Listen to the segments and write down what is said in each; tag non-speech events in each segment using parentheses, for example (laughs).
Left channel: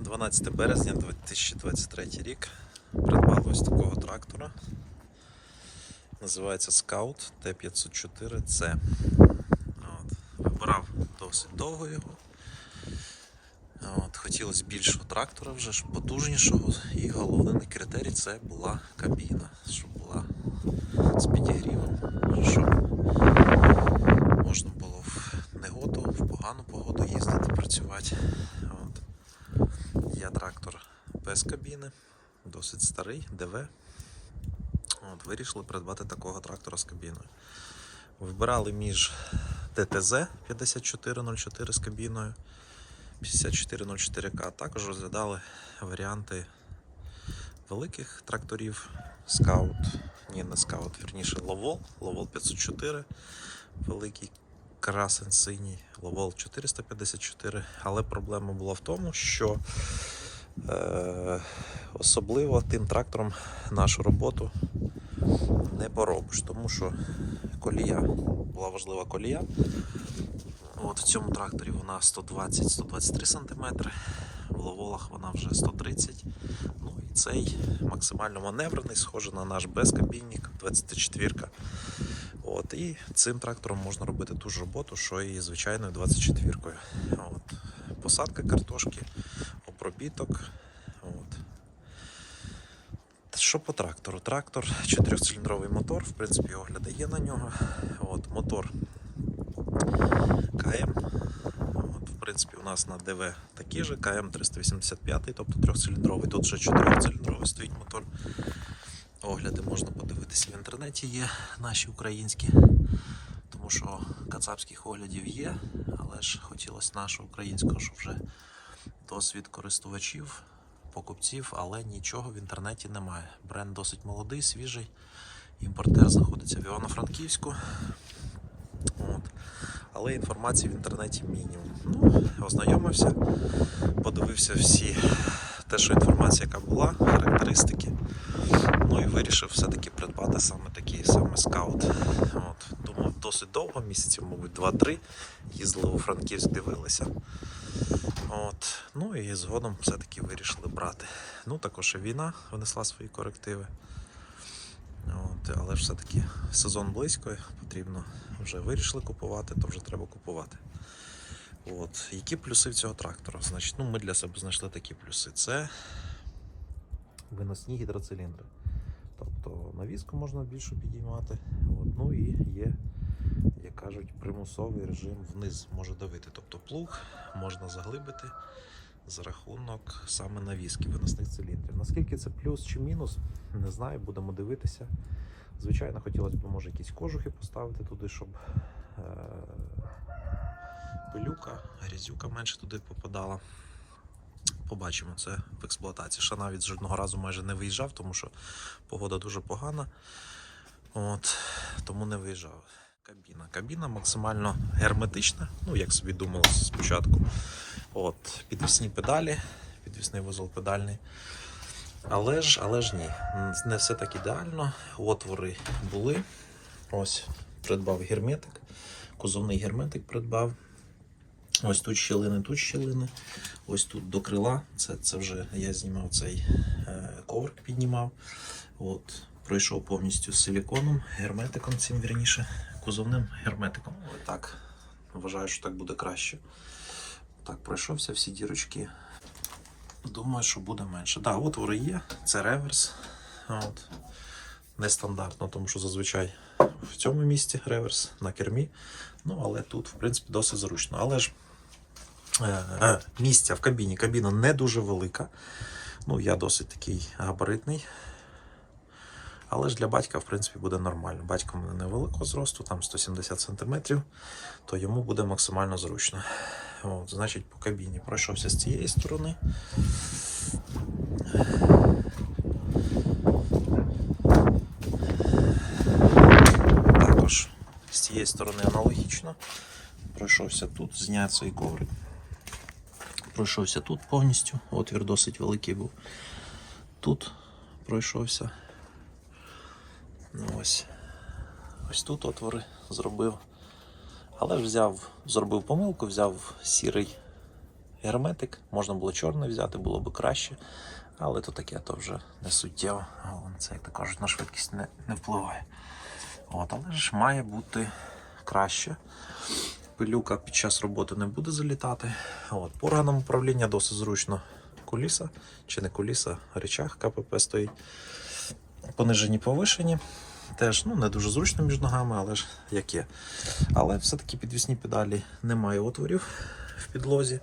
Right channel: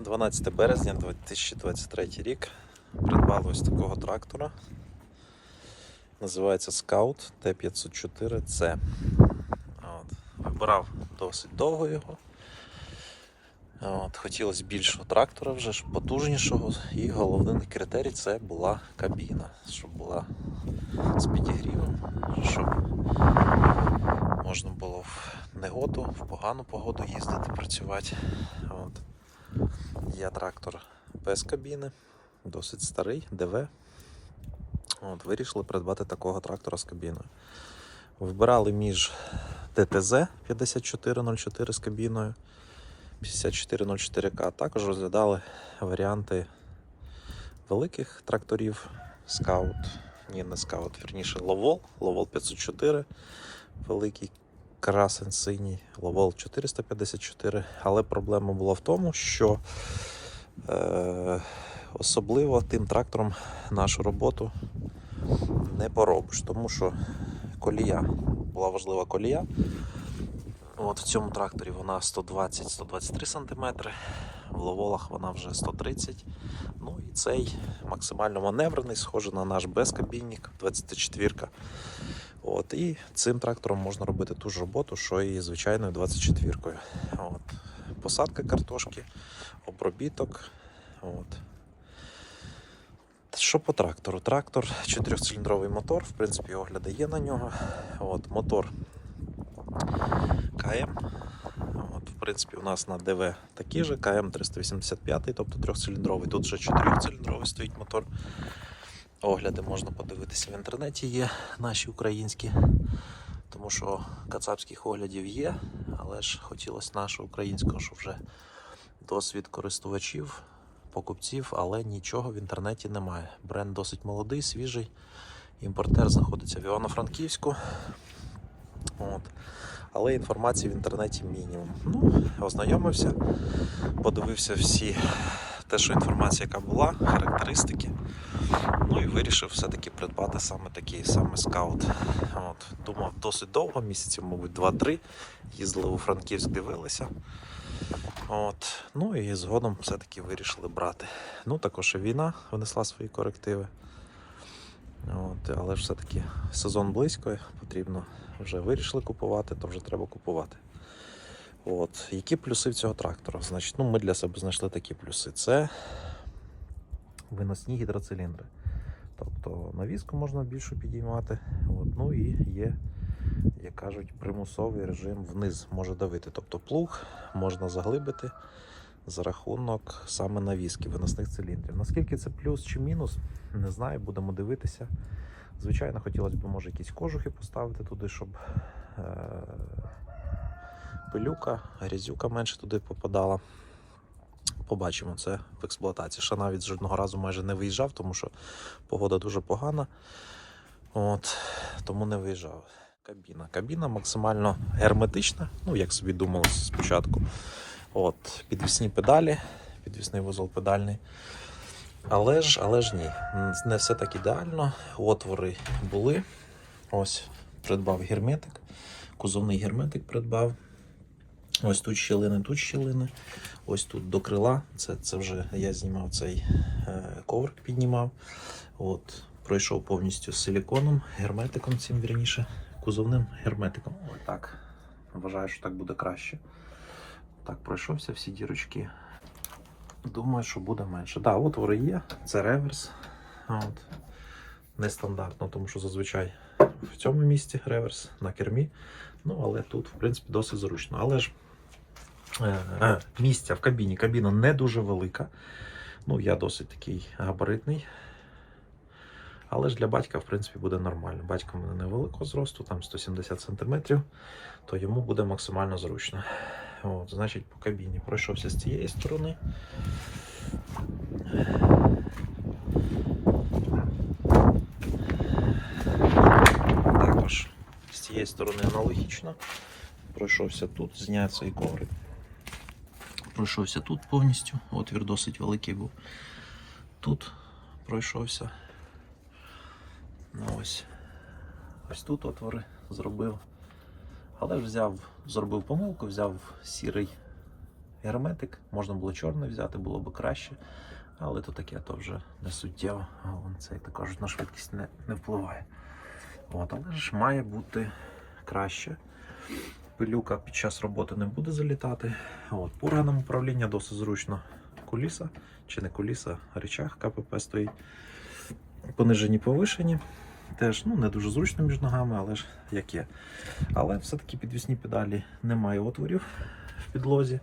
12 березня 2023 рік. Придбали ось такого трактора. Називається Scout T504C. От. Вибирав досить довго його. От. Хотілося більшого трактора, вже потужнішого. І головний критерій це була кабіна, щоб була з підігрівом, щоб можна було в негоду, в погану погоду їздити, працювати. От. Є трактор без кабіни, досить старий, ДВ. От, вирішили придбати такого трактора з кабіною. Вибирали між ТТЗ 5404 з кабіною 5404К, також розглядали варіанти великих тракторів Скаут, ні, не Скаут, вірніше Ловол, Ловол 504, великий красен синій, Ловол 454. Але проблема була в тому, що е, особливо тим трактором нашу роботу не поробиш, тому що колія була важлива колія. От в цьому тракторі вона 120-123 см, в ловолах вона вже 130 Ну і цей максимально маневрений, схожий на наш безкабінник 24 От, І цим трактором можна робити ту ж роботу, що і звичайною 24-кою. От. Посадка картошки, обробіток. От. Що по трактору? Трактор 4-циліндровий мотор, в принципі, огляди є на нього. От, мотор КМ. От, в принципі, у нас на ДВ такий же КМ 385, тобто трьохциліндровий. Тут вже 4-циліндровий стоїть мотор. Огляди можна подивитися в інтернеті, є наші українські. Тому що кацапських оглядів є, але ж хотілося нашого українського, що вже досвід користувачів, покупців, але нічого в інтернеті немає. Бренд досить молодий, свіжий. Імпортер знаходиться в Івано-Франківську. От. Але інформації в інтернеті мінімум. Ну, ознайомився, подивився всі те, що інформація, яка була, характеристики. Ну і вирішив все-таки придбати саме такий саме скаут. От. Думав досить довго, місяців, мабуть, 2-3. Їздили у Франківськ, дивилися. От. Ну і згодом все-таки вирішили брати. Ну, також і війна внесла свої корективи. От, але ж все-таки сезон близько, потрібно вже вирішили купувати, то вже треба купувати. От. Які плюси в цього трактора? Значить, ну, ми для себе знайшли такі плюси. Це виносні гідроциліндри. Тобто навіску можна більше підіймати. От. Ну і є, як кажуть, примусовий режим вниз може давити. Тобто плуг можна заглибити за рахунок саме навіски виносних циліндрів. Наскільки це плюс чи мінус, не знаю, будемо дивитися. Звичайно, хотілося б, може, якісь кожухи поставити туди, щоб е- пилюка, грязюка менше туди попадала. Побачимо це в експлуатації. Ще навіть жодного разу майже не виїжджав, тому що погода дуже погана. От, тому не виїжджав. Кабіна. Кабіна максимально герметична, ну як собі думалося спочатку. От, підвісні педалі, підвісний вузол педальний. Але ж, але ж ні, не все так ідеально. Отвори були. Ось, придбав герметик, кузовний герметик придбав. Ось тут щілини, тут щілини. Ось тут до крила. Це, це вже я знімав цей е, коврик, піднімав. От, пройшов повністю з силіконом, герметиком цим вірніше, кузовним герметиком. Ось так. Вважаю, що так буде краще. Так, пройшовся всі дірочки. Думаю, що буде менше. Так, да, отвори є, це реверс. От. Нестандартно, тому що зазвичай в цьому місці реверс на кермі. Ну, але тут, в принципі, досить зручно. Але ж місця в кабіні. Кабіна не дуже велика. Ну, я досить такий габаритний. Але ж для батька, в принципі, буде нормально. Батько мене невеликого зросту, там 170 см, то йому буде максимально зручно. От, значить, по кабіні пройшовся з цієї сторони. Також з цієї сторони аналогічно. Пройшовся тут, зняв цей коврик. Пройшовся тут повністю. Отвір досить великий був. Тут пройшовся. Ну, ось. Ось тут отвори зробив. Але взяв, зробив помилку, взяв сірий герметик. Можна було чорний взяти, було б краще. Але то таке, то вже не суттєво. Це, як то кажуть, на швидкість не, не впливає. От, але ж має бути краще. Пилюка під час роботи не буде залітати. От, по органам управління досить зручно. Куліса, чи не куліса, речах КПП стоїть. Понижені повишені. Теж ну, не дуже зручно між ногами, але ж як є. Але все-таки підвісні педалі немає отворів в підлозі.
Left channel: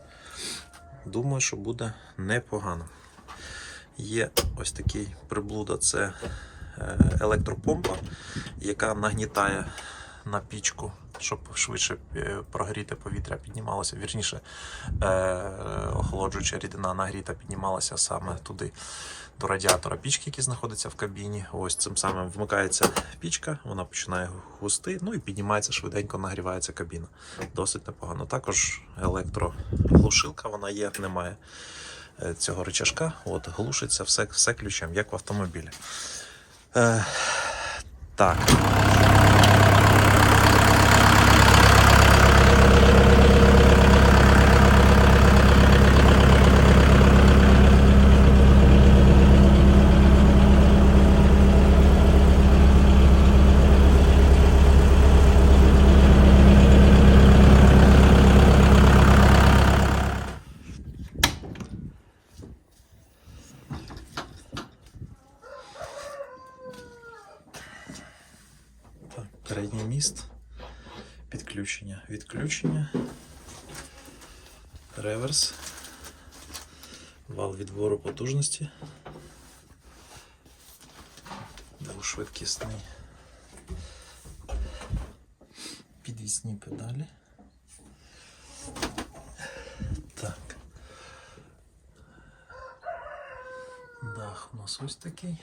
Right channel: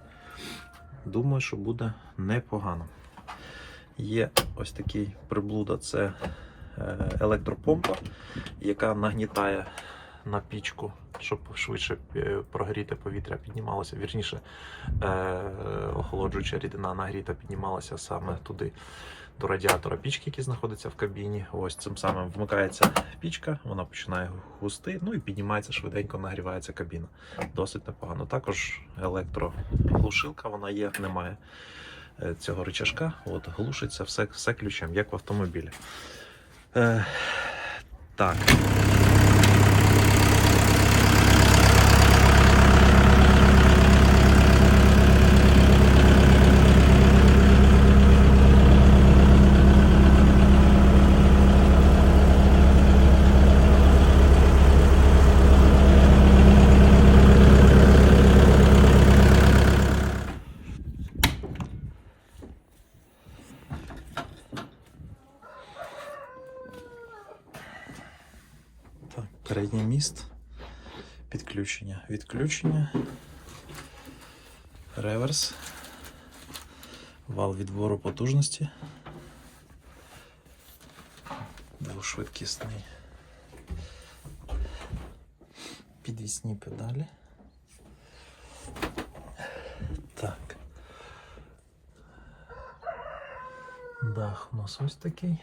Думаю, що буде непогано. Є ось такий приблуда, це е, електропомпа, яка нагнітає на пічку, щоб швидше е, прогріти повітря, піднімалося. Вірніше, е, охолоджуюча рідина нагріта піднімалася саме туди до радіатора пічки, який знаходиться в кабіні. Ось цим самим вмикається пічка, вона починає густи, ну і піднімається швиденько, нагрівається кабіна. Досить непогано. Також електроглушилка, вона є, немає е, цього рычажка. От, глушиться все, все ключем, як в автомобілі. Е. Так, Відключення. Реверс. Вал відбору потужності. Двошвидкісний. Підвісні педалі. Так. Дах у нас ось такий.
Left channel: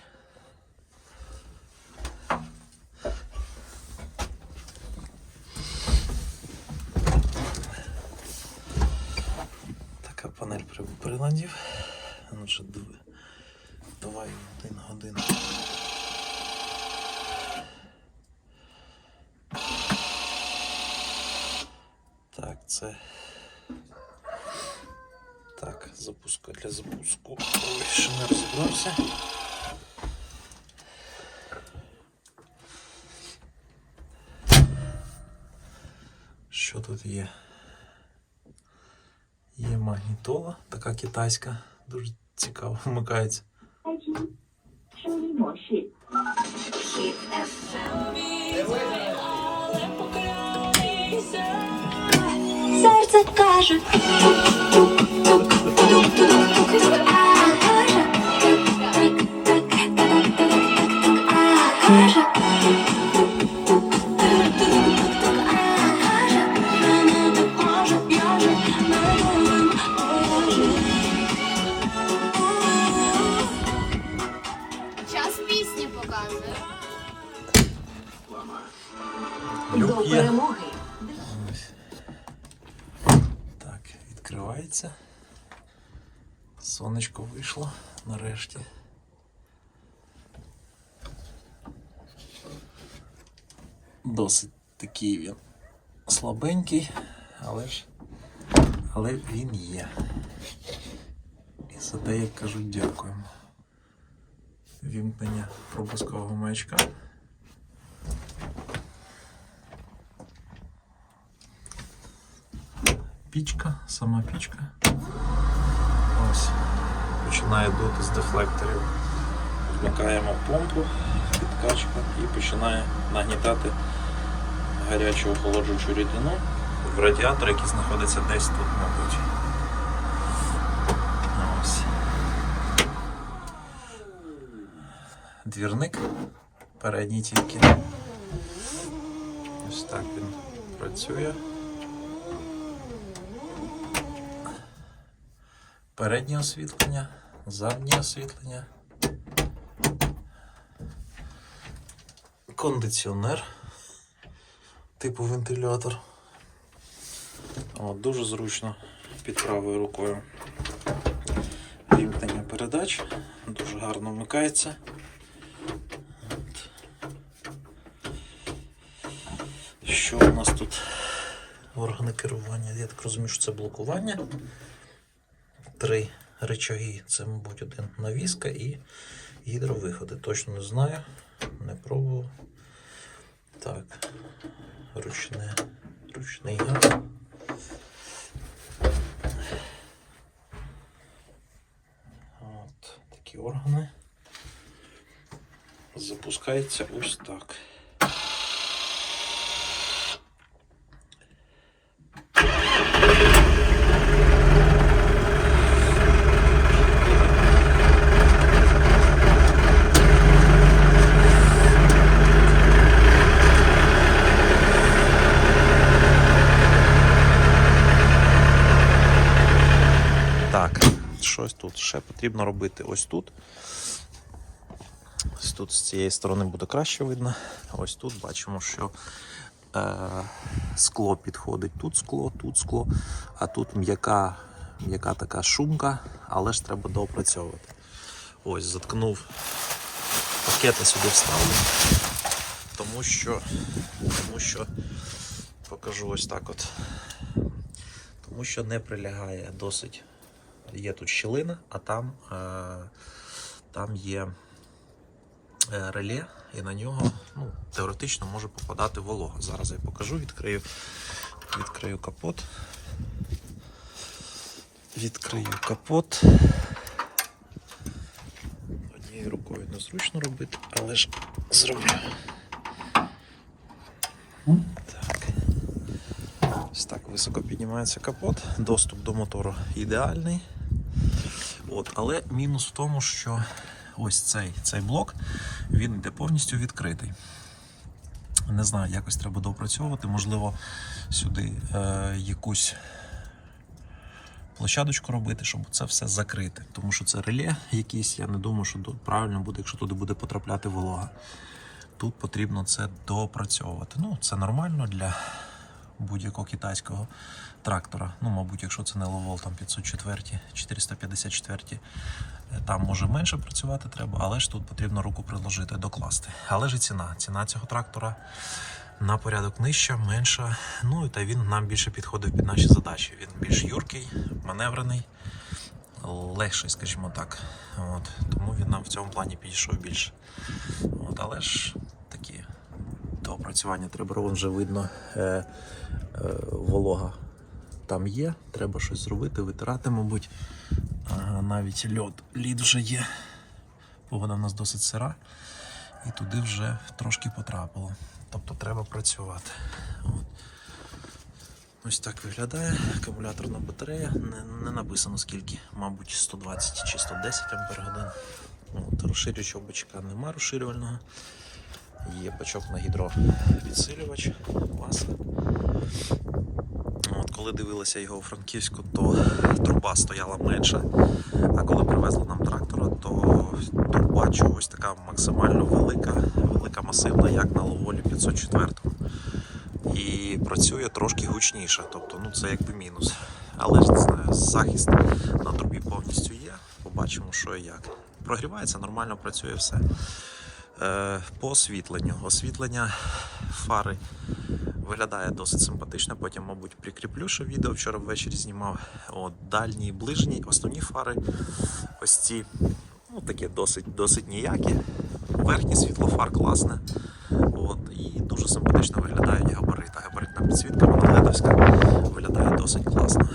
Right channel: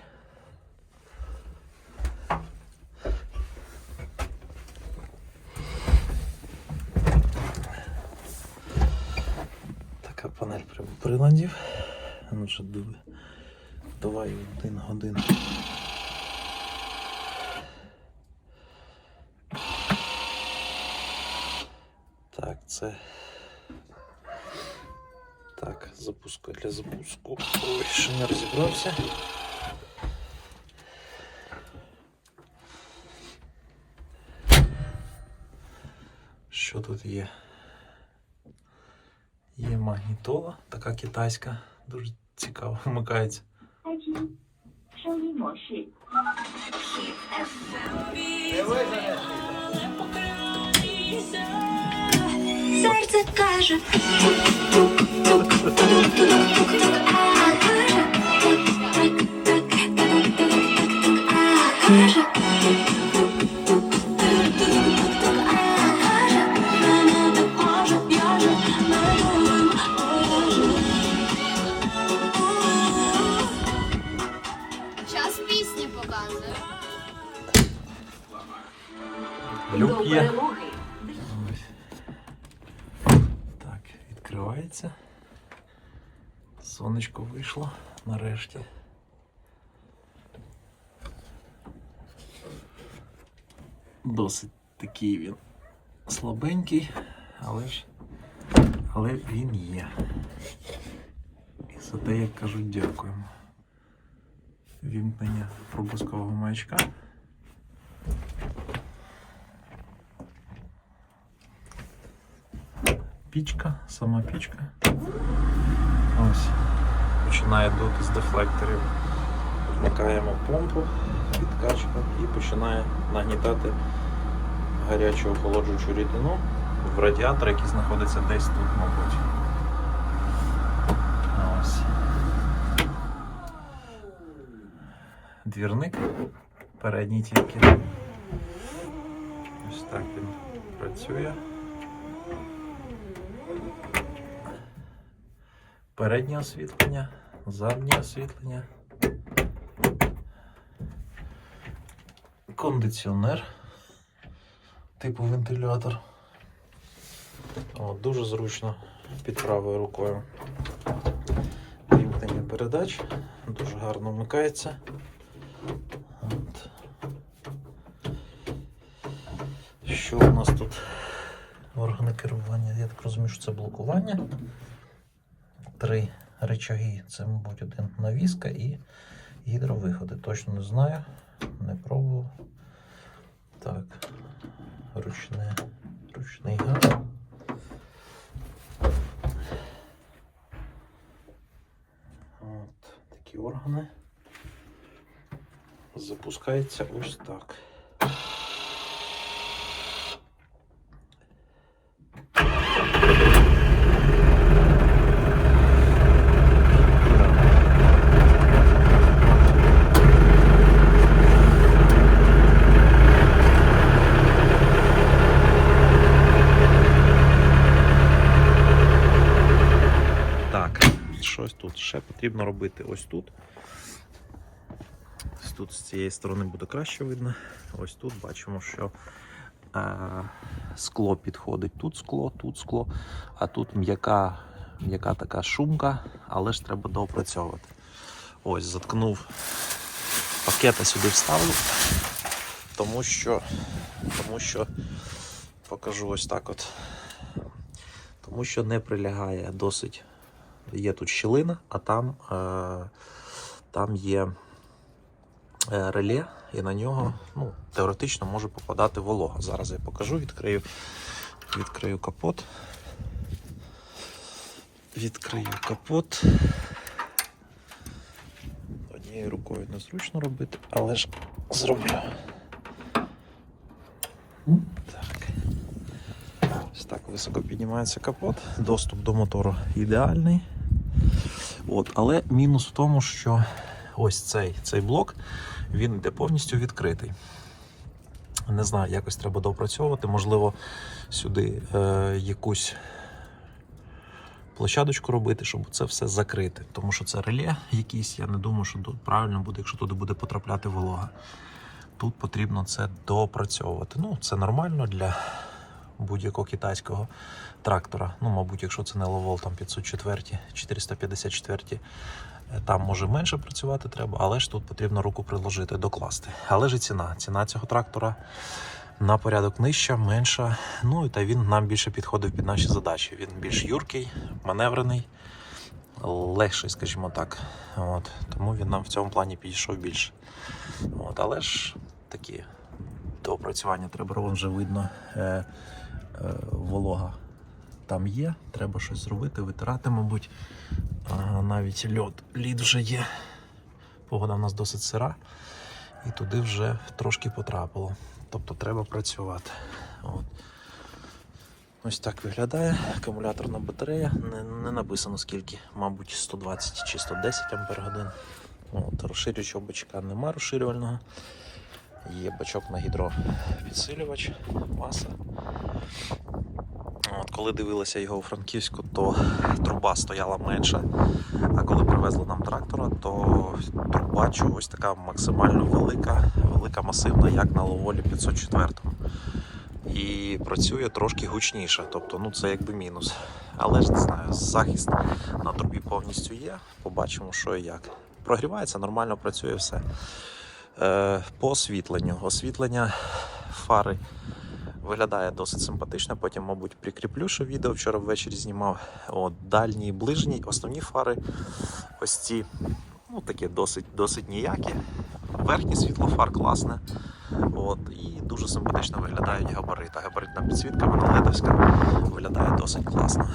Приладів. Ну що, диви. Давай один годин. Так, це. Так, запуску для запуску. Ой, ще не розібрався. Що тут є? Є магнітола, така китайська, дуже цікаво (laughs) вмикається. Серце каже. Є. Так, відкривається. Сонечко вийшло нарешті. Досить такий він слабенький, але ж але він є. І за те, як кажуть, дякуємо. Вімкнення пропускового маячка. Пічка, сама пічка. Ось. Починає дути з дефлекторів. Вмикаємо помпу, підкачку і починає нагнітати гарячу охолоджуючу рідину в радіатор, який знаходиться десь тут, мабуть. Ось. Двірник передній тільки. Ось так він працює. Переднє освітлення, заднє освітлення. Кондиціонер типу вентилятор. О, дуже зручно під правою рукою. Вімкнення передач. Дуже гарно вмикається. От. Що у нас тут? Органи керування. Я так розумію, що це блокування. Три речаги. Це, мабуть, один навіска і гідровиходи. Точно не знаю, не пробував. Так, ручне, ручний газ. От такі органи. Запускається ось так. Тут потрібно робити ось тут. Ось тут з цієї сторони буде краще видно. Ось тут бачимо, що е, скло підходить. Тут скло, тут скло, а тут м'яка, м'яка така шумка, але ж треба доопрацьовувати. Ось, заткнув пакета сюди вставлю, тому що, тому що покажу ось так от. Тому що не прилягає досить. Є тут щілина, а там, е, там є е, реле, і на нього ну, теоретично може попадати волога. Зараз я покажу, відкрию, відкрию капот. Відкрию капот. Однією рукою незручно робити, але ж зроблю. Так. Ось так високо піднімається капот. Доступ до мотору ідеальний. От, але мінус в тому, що ось цей, цей блок він йде повністю відкритий. Не знаю, якось треба допрацьовувати. Можливо, сюди е, якусь площадочку робити, щоб це все закрити. Тому що це реле якийсь, я не думаю, що тут правильно буде, якщо туди буде потрапляти волога. Тут потрібно це допрацьовувати. Ну, це нормально для будь-якого китайського трактора. Ну, мабуть, якщо це не Ловол, там 504, 454, е, там може менше працювати треба, але ж тут потрібно руку приложити, докласти. Але ж і ціна. Ціна цього трактора на порядок нижча, менша. Ну і та він нам більше підходив під наші задачі. Він більш юркий, маневрений, легший, скажімо так. От, тому він нам в цьому плані підійшов більше. От, але ж такі до опрацювання треба вже видно. Е, е, волога там є, треба щось зробити, витирати, мабуть. Ага, навіть льод, лід вже є. Погода в нас досить сира, і туди вже трошки потрапило. Тобто треба працювати. От. Ось так виглядає. Акумуляторна батарея. Не, не написано скільки, мабуть, 120 чи 110 ампер годин. От, розширюючого бачка нема розширювального. Є бачок на гідропідсилювач, маса. От, коли дивилися його у Франківську, то труба стояла менша. А коли привезли нам трактора, то труба чогось така максимально велика, велика масивна, як на Ловолі 504. І працює трошки гучніше, тобто ну це якби мінус. Але ж не знаю, захист на трубі повністю є. Побачимо, що і як. Прогрівається, нормально працює все. Е, по освітленню. Освітлення фари виглядає досить симпатично. Потім, мабуть, прикріплю, що відео вчора ввечері знімав. От, дальні і ближні, основні фари. Ось ці ну, такі досить, досить ніякі. Верхнє світло фар класне. От, і дуже симпатично виглядають габарита. Габаритна підсвітка, вона ледовська, виглядає досить класно.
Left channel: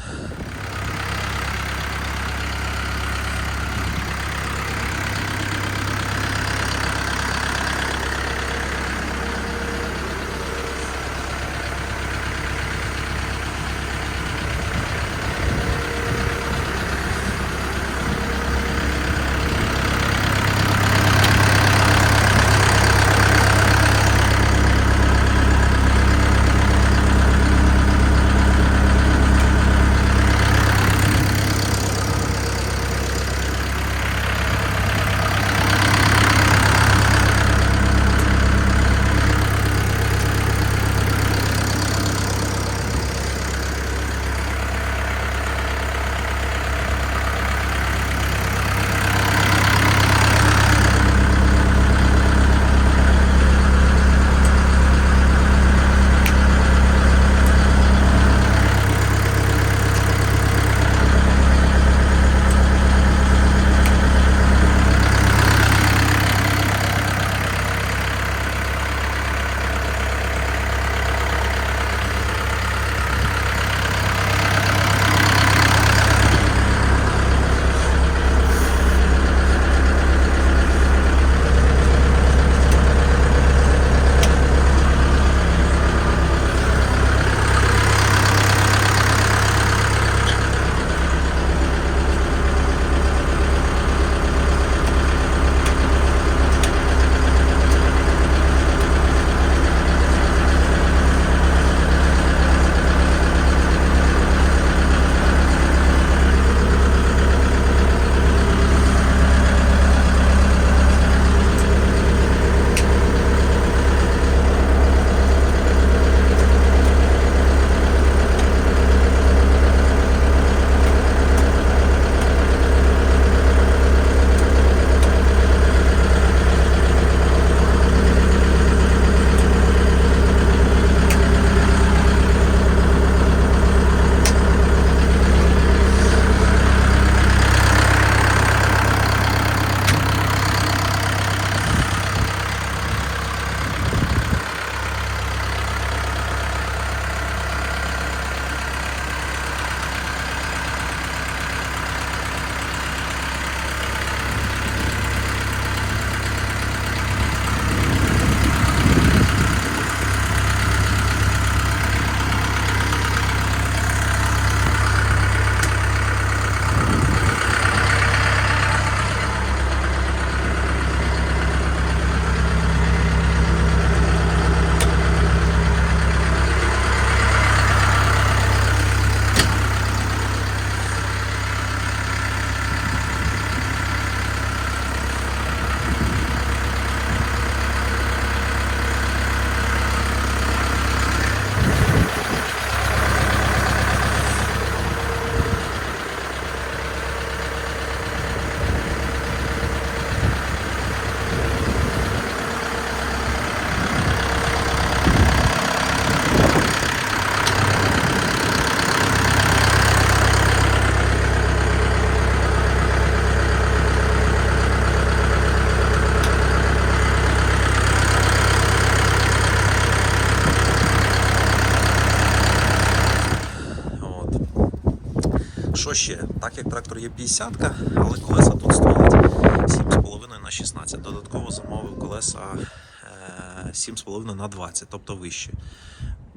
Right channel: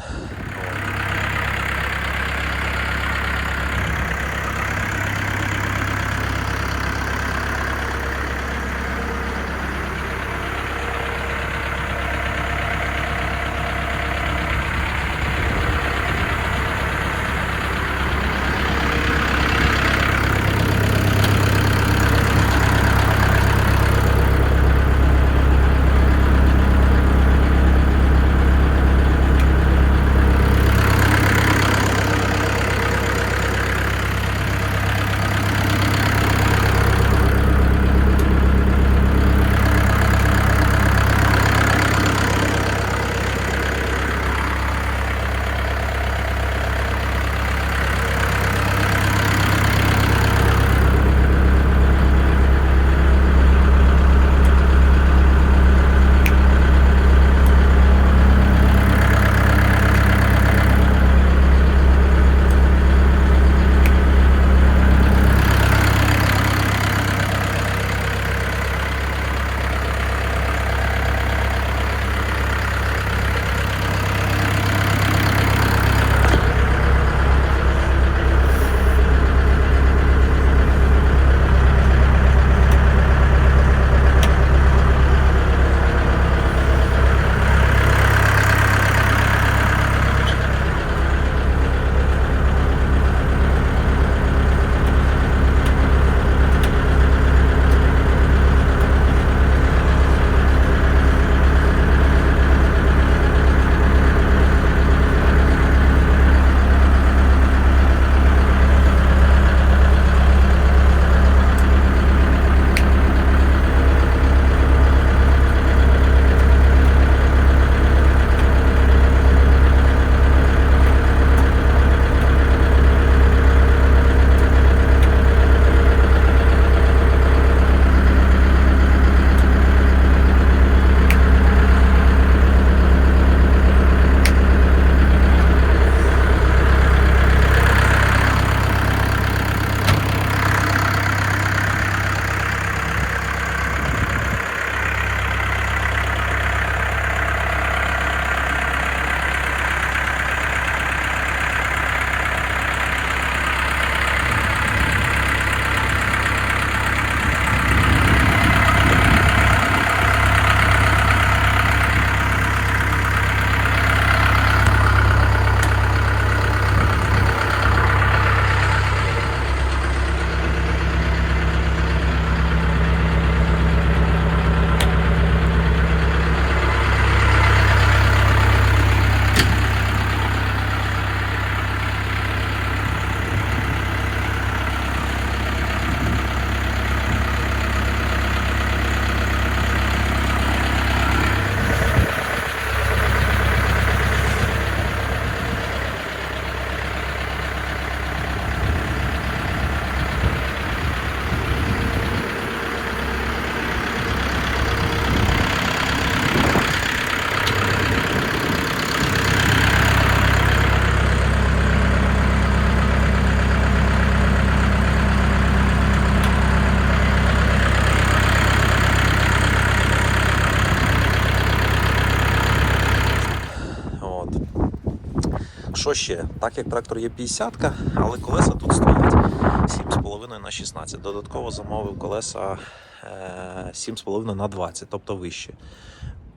Що ще? Так як трактор є 50 але колеса тут стоять 7,5 на 16. Додатково замовив колеса е, 7,5 на 20, тобто вище.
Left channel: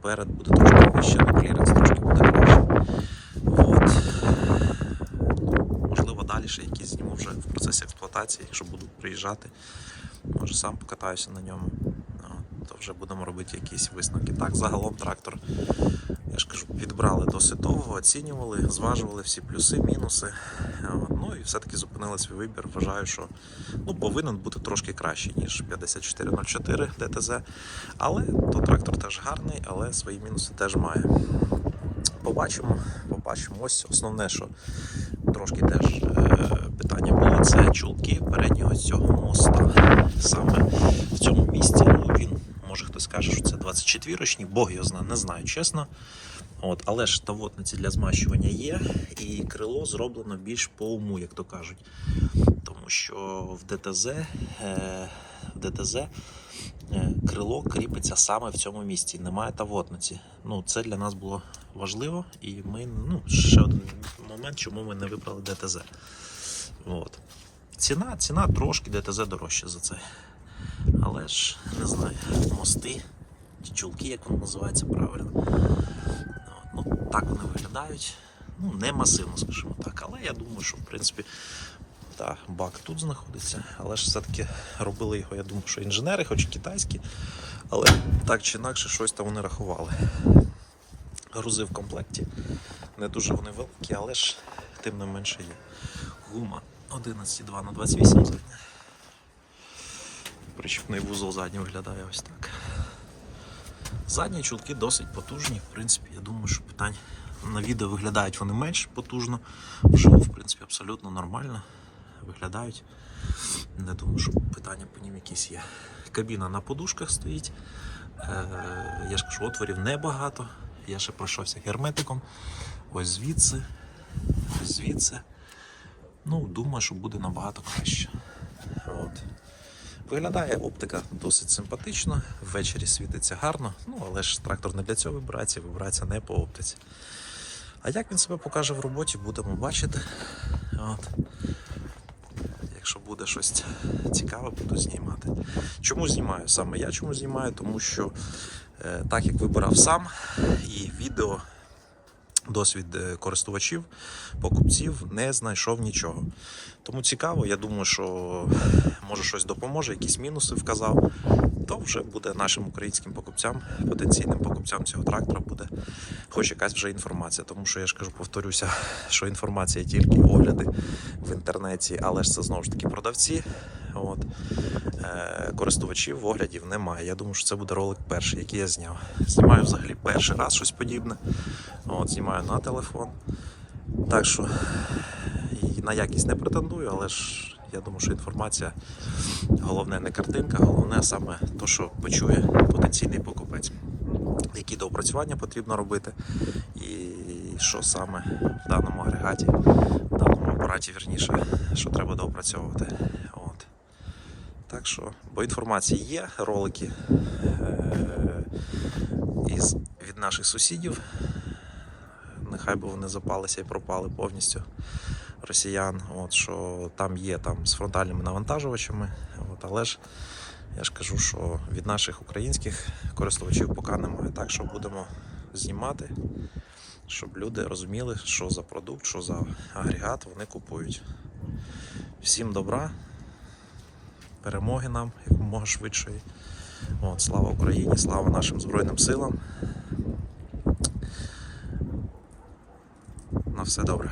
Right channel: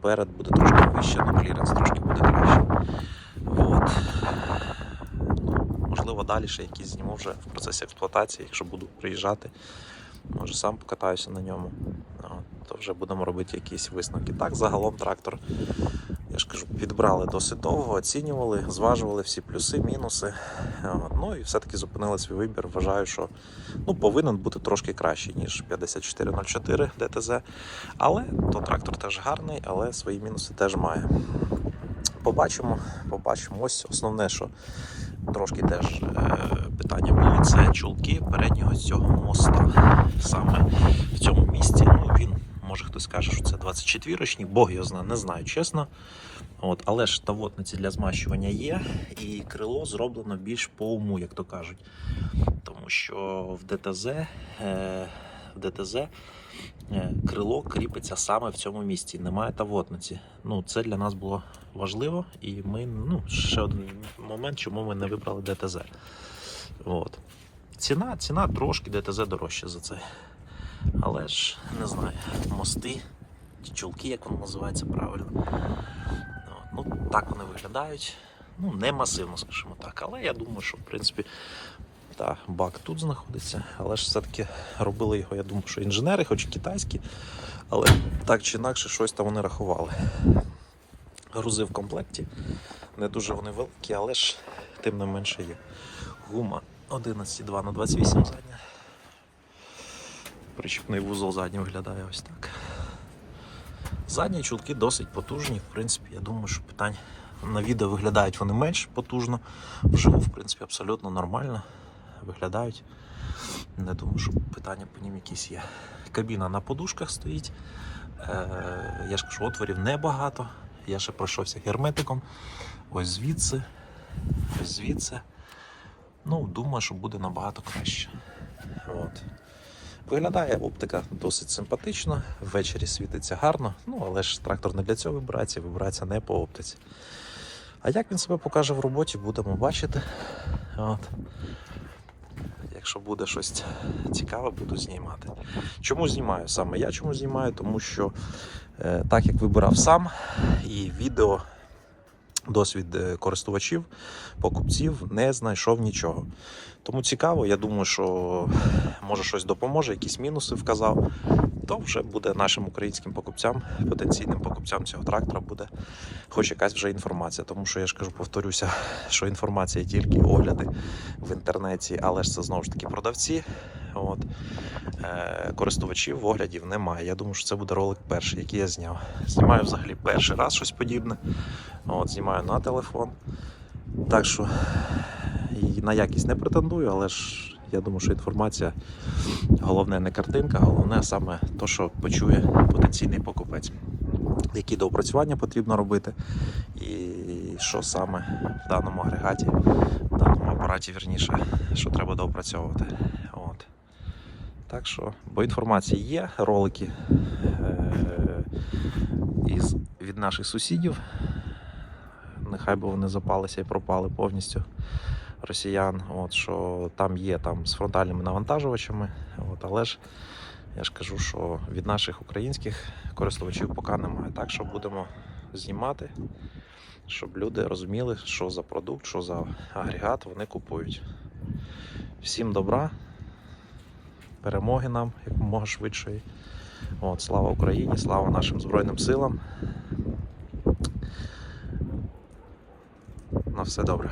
Перед буде трошки вище, ну кліренс трошки буде краще. От. Можливо, далі ще якісь зніму вже в процесі експлуатації, якщо буду приїжджати. Може сам покатаюся на ньому. От, то вже будемо робити якісь висновки. Так, загалом трактор, я ж кажу, підбрали досить довго, оцінювали, зважували всі плюси, мінуси. Ну і все-таки зупинили свій вибір. Вважаю, що ну, повинен бути трошки кращий, ніж 5404 ДТЗ. Але то трактор теж гарний, але свої мінуси теж має. Побачимо, побачимо. Ось основне, що трошки теж е, питання було, це чулки переднього цього моста. Саме в цьому місці. Ну, він, може хтось скаже, що це 24-річний, Бог його знає, не знаю, чесно. От, але ж тавотниці для змащування є, і крило зроблено більш по уму, як то кажуть. Тому що в ДТЗ, е, в ДТЗ е, крило кріпиться саме в цьому місці, немає тавотниці. Ну, це для нас було важливо, і ми, ну, ще один момент, чому ми не вибрали ДТЗ. От. Ціна, ціна трошки ДТЗ дорожча за це. Але ж не знаю, мости, ті чулки, як воно називається правильно. Ну, так вони виглядають. Ну, не масивно, скажімо так. Але я думаю, що в принципі та, бак тут знаходиться. Але ж все-таки робили його, я думаю, що інженери, хоч китайські, але так чи інакше щось там вони рахували. Грузи в комплекті. Не дуже вони великі, але ж тим не менше є. Гума 11,2 на 28 задня. Причіпний вузол задній виглядає ось так. Задні чулки досить потужні. В принципі, я думаю, що питань на відео виглядають вони менш потужно. Вживу, в принципі, абсолютно нормально виглядають. Не думаю, що питання по ним якісь є. Кабіна на подушках стоїть. Е, я ж кажу, отворів небагато. Я ще пройшовся герметиком. Ось звідси, ось звідси. Ну, думаю, що буде набагато краще. От. Виглядає оптика досить симпатично, ввечері світиться гарно, ну але ж трактор не для цього вибирається, вибирається не по оптиці. А як він себе покаже в роботі, будемо бачити. От. Якщо буде щось цікаве, буду знімати. Чому знімаю саме? Я чому знімаю? Тому що е, так як вибирав сам і відео. Досвід е, користувачів, покупців не знайшов нічого. Тому цікаво, я думаю, що може щось допоможе, якісь мінуси вказав. То вже буде нашим українським покупцям, потенційним покупцям цього трактора буде хоч якась вже інформація. Тому що я ж кажу, повторюся, що інформація тільки огляди в інтернеті, але ж це знову ж таки продавці. От. Е, користувачів оглядів немає. Я думаю, що це буде ролик перший, який я зняв. Знімаю взагалі перший раз щось подібне. От, знімаю на телефон. Так що і на якість не претендую, але ж я думаю, що інформація головне не картинка, головне саме те, що почує потенційний покупець. Які доопрацювання потрібно робити, і що саме в даному агрегаті, в даному апараті, вірніше, що треба доопрацьовувати. Так що, бо інформації є, ролики е- із, від наших сусідів. Нехай би вони запалися і пропали повністю росіян. От, що там є там, з фронтальними навантажувачами. От, але ж я ж кажу, що від наших українських користувачів поки немає. Так що будемо знімати, щоб люди розуміли, що за продукт, що за агрегат вони купують. Всім добра, перемоги нам якомога швидшої. От, слава Україні, слава нашим Збройним силам. На все добре.